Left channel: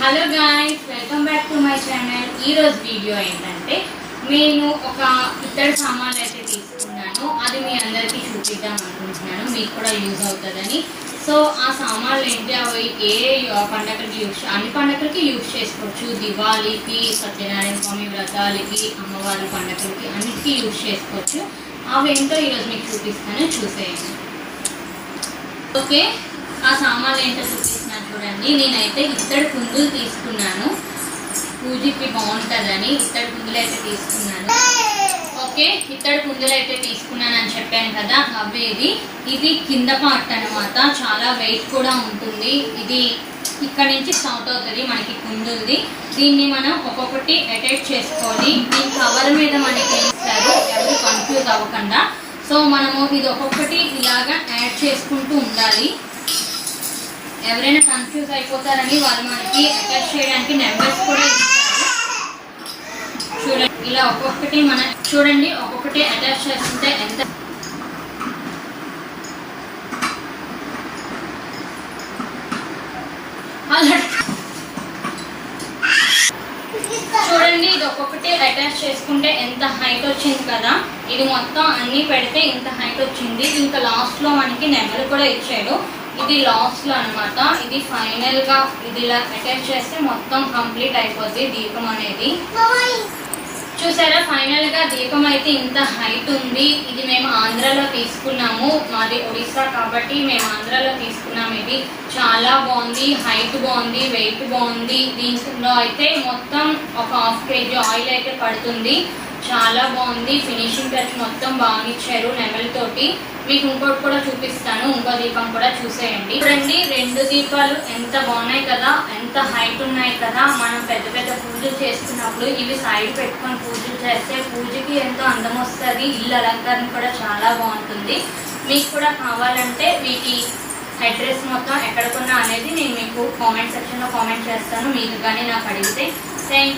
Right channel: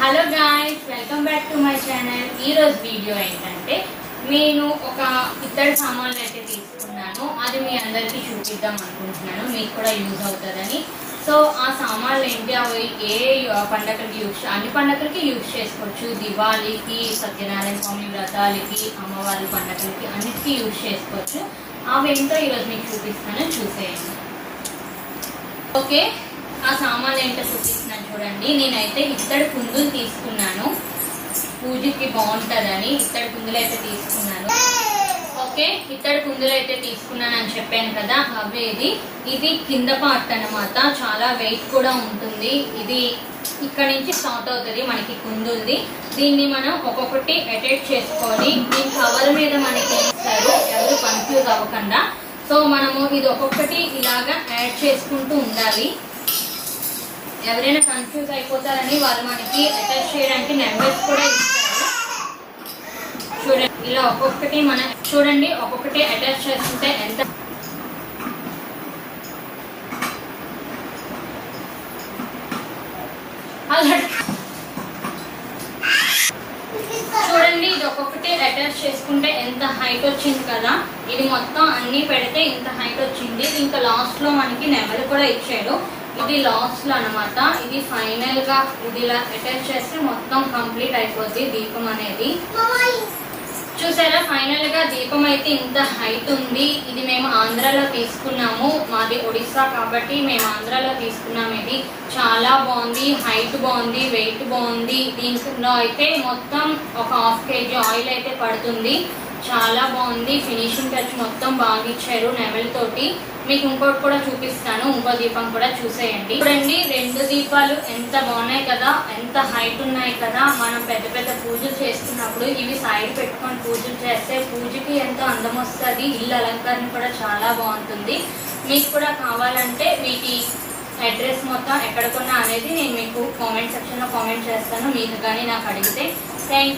Hello guys, welcome back to my channel. ఈరోజు video ఏంటంటే నేను ఒక ఇద్దరు సామాన్లు అయితే తీసుకున్నాను. అది మీ అందరికీ చూపిద్దాం అనుకుంటున్నాను, మీకు కూడా యూజ్ అవుతుందని. సో ఆ సామాన్లు ఏంటి, అవి ఏ పండగలకి అన్ని పండగలకి యూజ్ చేసుకోవచ్చు. దివాళీకి, సత్యనారాయణ స్వామి వ్రతాలకి, అమ్మవారి పండగలకి అన్నిటికీ యూజ్ చేసుకోవచ్చు. అవి ఏంటో ఈరోజు మీకు చూపిస్తాను, చూసేయండి. ఓకే, ఆ సామాన్లు ఏంటో చూపిస్తున్నాను చూడండి. నేనైతే ఇత్తడి కుందులు తీసుకున్నాను, పూజకి బాగుంటుందని ఇత్తడి కుందులు అయితే తీసుకున్నాను. ఓకే, ఇత్తడి కుందులు అయితే తీసుకున్నాను అని చెప్పాను కదా, అవే ఇది కింద పార్ట్ అనమాట. చాలా వెయిట్ కూడా ఉంటుంది. ఇది ఇక్కడ నుంచి స్టార్ట్ అవుతుంది మనకి కుందుల్ది. దీన్ని మనం ఒక్కొక్కటి అటాచ్ చేసుకోవాలి. ఈ కవర్ మీద మనకి ఇస్తారు, ఎవరు కన్ఫ్యూజ్ అవ్వకుండా. సో మనము ఇది ఒక్కొక్కటి ఇలాగా యాడ్ చేసుకుంటూ ఉండాలి. ఎవరైనా కన్ఫ్యూజ్ అయిపోతారని వాళ్ళు మనకి అటాచ్ చేయడానికి నెంబర్స్ కూడా ఇస్తారు. చూడండి, ఇలా ఒక్కొక్కటి చూడండి ఒక్కొక్కటి అటాచ్ చేస్తుంటే ఎంత చూడండి, ఇది ఒక్కొక్కటి అటాచ్ చేసుకుంటే ఎంత హైట్ వచ్చింది కదా. ఇది మొత్తం అన్ని పెడితే ఇంత హైట్ వచ్చింది. ఇంకా లాస్ట్ లో మనకి నెంబర్ కూడా ఇచ్చాడు. ఇది లాస్ట్ లో అనమాట. ఇది ఫైనల్ గా ఇది ఇలా అటాచ్ చేస్తే మొత్తం కంప్లీట్ అయిపోద్ది దీపం అనేది. చూసారా, ఫైనల్ గా దీపం అయితే ఇంత హైట్ ఉంది. ఇది మేము ఆంధ్రాలో తీసుకున్నాము, మాది ఒడిస్సా కాబట్టి మేము ఆంధ్రాలో తీసుకున్నాము. ఇది చాలా బాగుంది, హైట్ బాగుంది, వెయిట్ బాగుంది. దీంట్లో అయితే మొత్తం ఒక 1/2 kg ఆయిల్ అయితే పడుతుంది. చాలా బాగుంది, ఫినిషింగ్ టచ్ మొత్తం బాగా ఇచ్చారు నెమల్ తోటి. మీకు ఇంకోటి కూడా చూపిస్తాను, ఇంకో దీపం కూడా చూసేయండి. చూడండి, 2 దీపాలు ఎంత బాగున్నాయి కదా, ఎంత హైట్ ఉన్నాయి కదా. మనం పెద్ద పెద్ద పూజలు చేస్తున్నప్పుడు ఇవి సైడ్ పెట్టుకొని పూజలు చేస్తే పూజకి ఎంతో అందం వస్తుంది. ఇల్లు అలంకరణ కూడా చాలా బాగుంటుంది. మీకు కూడా కావాలంటే వీటి అడ్రస్ మొత్తం ఎక్కడికున్నా అనేది నేను మీకు కామెంట్ సెక్షన్లో కామెంట్ చేస్తాను, మీకు కానీ నాకు అడిగితే. థ్యాంక్